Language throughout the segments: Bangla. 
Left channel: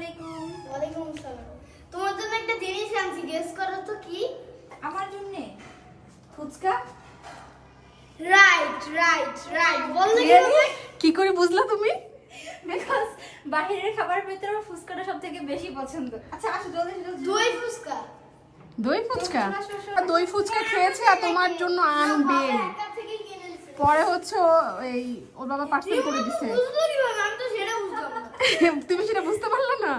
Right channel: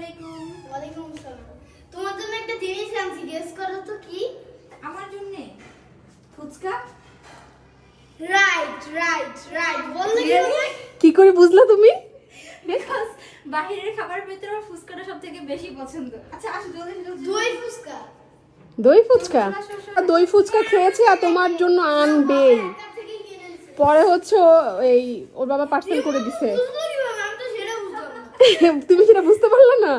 আলাইকুম। ওয়ালাইকুম আসসালাম। তোমার জন্য একটা জিনিস আনছি গেস করো তো কি? আমার জন্য? ফুচকা? রাইট রাইট রাইট বললে কি করে বুঝলা তুমি? বিকজ বাহিরের খাবার ভেতরে আমার ফুচকাটা সব থেকে বেশি পছন্দ। আচ্ছা আসো জলদি জলদি দই ফুচকা। দই ফুচকা? আর দই ফুচকা খেয়েছি আর তোমার জন্য আনবে। পরে হচ্ছে এই ওর বাবা পার্সেল করে দিছে। তুমি সেটা বুঝতে পারলে না?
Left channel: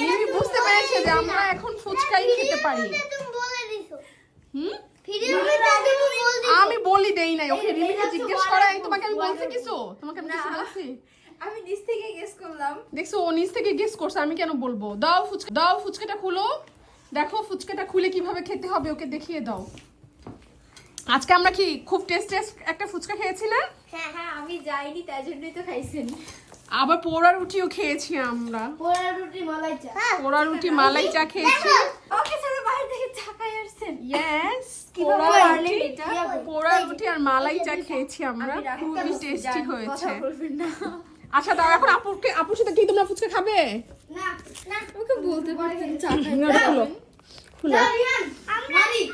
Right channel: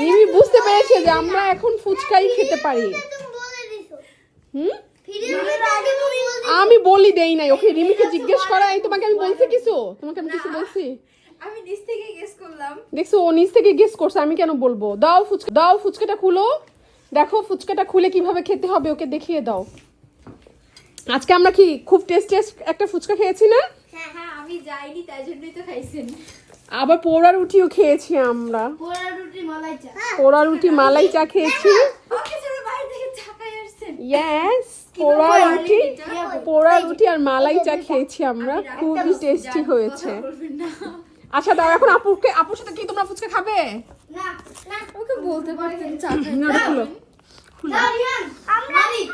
মিমি বুঝতে পেরেছে যে আমরা এখন ফুচকাই খেতে পারি। হুম? আমি বলি দেই নাই ওকে রিমিকে জিজ্ঞেস করা এই তোমাকে আমি বলছি কিছু? তোমাকে আমি কিছু বলছি? আমি নিচ থেকে গেস করলাম। দেখছ ও নিজ থেকে গেস করছে আমি কেন বলব? দাও ফুচকা দাও ফুচকাটা খুলো। দেখো ফুচকাটা খুলে কীভাবে খেতে হবে ওকে দেখিয়ে দাও। আজকে আমরা কি খুব টেস্ট টেস্ট একটা ফুচকা খেয়েছি না হ্যাঁ হ্যাঁ আমি যাইনি তাই জন্যই তো খাইছেন। আবার পোড়া রুটিও খেয়েছি আমরা। পোড়া রুটি মালাই চা। পোড়া রুটি মালাই চা খেয়েছি। ওকে চলো বাইরে থেকে আসছেন ইয়েস পোড়া রুটি পোড়া রুটি আর মালাই চা খেয়েছি আমরা। খুবই টেস্টি হয়েছে। আচ্ছা দাও এখন আপুকে আপুর সাথে কি তোমরা ফুচকা খাবে? না না। ওকে বলতে পারতেন চা খাই। না, খুলো। খুলো।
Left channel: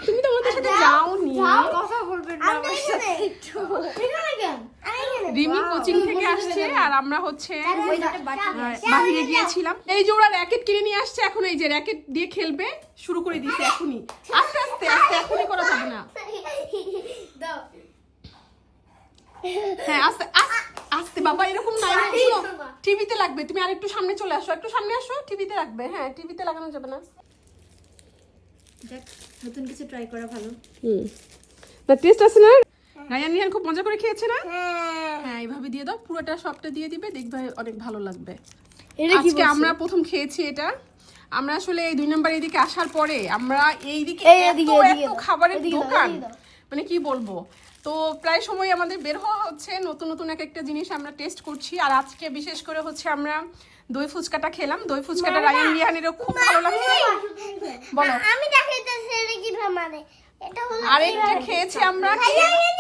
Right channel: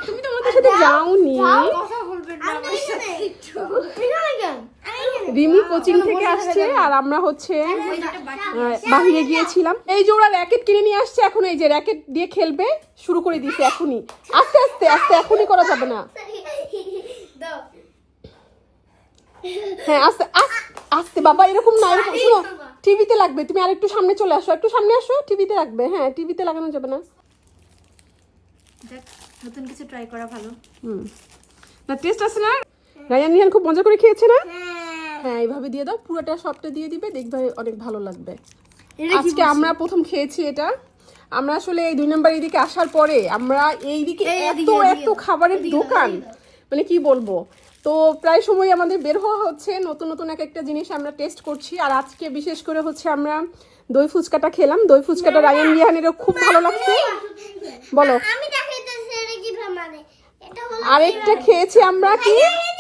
তুমি তো আমাদের সাথে যাওনি। কথা বলবেন না আমার সাথে একটু এখানে কেন আমি এখানে রিমি কোচিং থেকে আসছে আর আমরা হচ্ছে দুটো বাটি আহ, বাহিরে গিয়েছিলাম। এই যে ওরা র্যাকেট কিনে নিয়ে আসছে এখন এই যে র্যাকেট দিয়ে খেলবে শুরু করে দিয়েছে এখনই। আস্তে আস্তে আস্তে এখনই করা যাবে না। হ্যাঁ আস্তে আস্তে আস্তে বাবা এরকম না এরকম। টিভিতে লাগবে তুমি আর একটু সামনে চলে আসো একটু সামনে আসো টিভিতে লাগবে। হ্যাঁ টিভিতে লাগানো যাবে না। নতুন কিছু ট্রাই করা ভালো। হুম। না টেস্ট আছে না? রায়ান নিহান খুব মজা করে খেয়েছে না? হ্যাঁ হ্যাঁ এইভাবে দিয়ে দাও। পুরোটা সবটা দিয়ে দিবে দেখবে অনেক ভালো লাগবে। আজকে আমরা প্রথম খেয়েছি এটা। আমরা আসলে এই দুই নম্বর এদিকে আসার পরে আমরা এইদিকে এত দাও, খাবারের দোকান। মানে কি বলব? তো প্রায় সময় আমাদের বের হওয়া হচ্ছে নতুন নতুন এক একটা জিনিস আমরা টেস্ট করছি। আর আজকে বিশেষ করে হচ্ছে আমরা দই ফুচকাটা খেলাম। দই ফুচকাটা রায়ান রিহানেরও খুব ভালো লাগছে। বলো। আমি এটা মানে। এটা হলো আরেকটা খেয়েছি আমরা কি? চারটা রুটি দেখো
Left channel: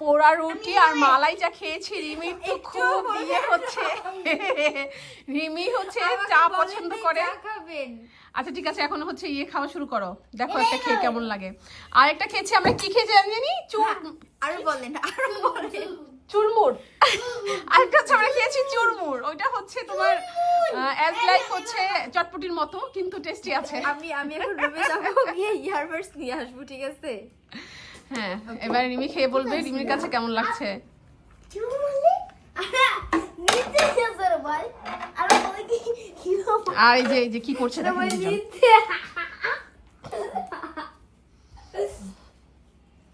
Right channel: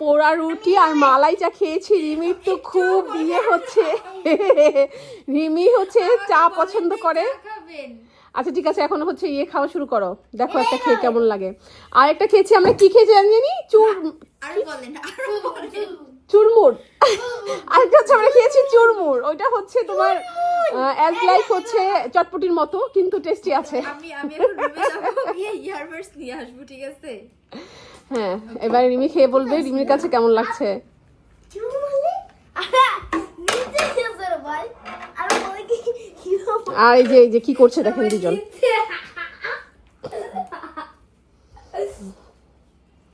পোড়া রুটি আর মালাই চা খেয়েছি। রিমির তো খুব ইয়ে হচ্ছে। রিমি হচ্ছে চা পছন্দ করে। আচ্ছা ঠিক আছে এখন হচ্ছে ইয়ে খাওয়া শুরু করো। দেখো একটা খেয়ে কেমন লাগে। আর একটা খেয়েছি আমরা। কি খেয়েছি জানি? চুর আরও বলেন আরও বলেন। চুরমুর। আরেকটা হচ্ছে আমরা খেয়েছি চুরমুর। ওইটা হচ্ছে তোমার অ্যাজ লাইক হচ্ছে চটপটির মতো কিন্তু টেস্টি আছে। আমি আমি এখন রুমে যাব গিয়ে ইয়ারবাডস নিয়ে আসব ঠিক আছে? হ্যাঁ এবারে রিমি খেয়ে বলবে রিমির কাছে কেমন লাগছে। আরে এই যে এই যে কি করছে দেখেন দুজন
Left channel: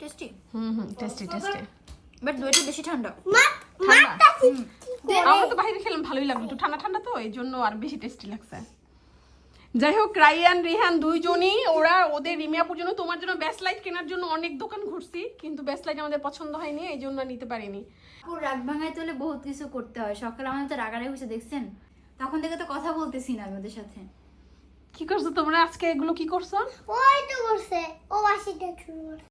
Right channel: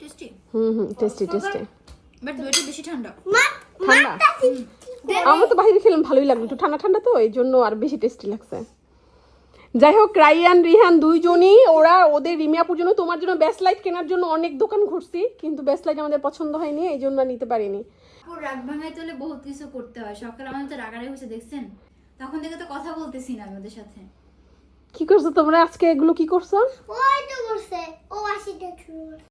tasty. Hmm hmm tasty tasty. But দইটা বেশি ঠান্ডা। আমরা তো বাইরে খেলাম ভালোই লাগল। একটু ঠান্ডা ঠান্ডা তো এই জন্য আর বেশি টেস্টি লাগছে। যাই হোক রাইয়ান রিহান দুইজনই ওরা ওদের রিমিয়াপুর জন্য তোমার জন্য বেস্ট লাইট কেনার জন্য অনেক দোকান ঘুরছি কিন্তু বেস্ট লাইট আমাদের পছন্দ হয়নি এই জন্য নিতে পারিনি। পুরো রাগ ভাঙায় তোলে বহুত কিছু করতে হয়। সকালে আমাদের তো রাগারে বসে দেখছেন? তখন থেকে তো কথা বলতেছি না আমাদের ওদের সাথে। কি করছ তোমরা? আজকে এগুলো কি করছ? ওই তো করছে। ও আশিটা শুরু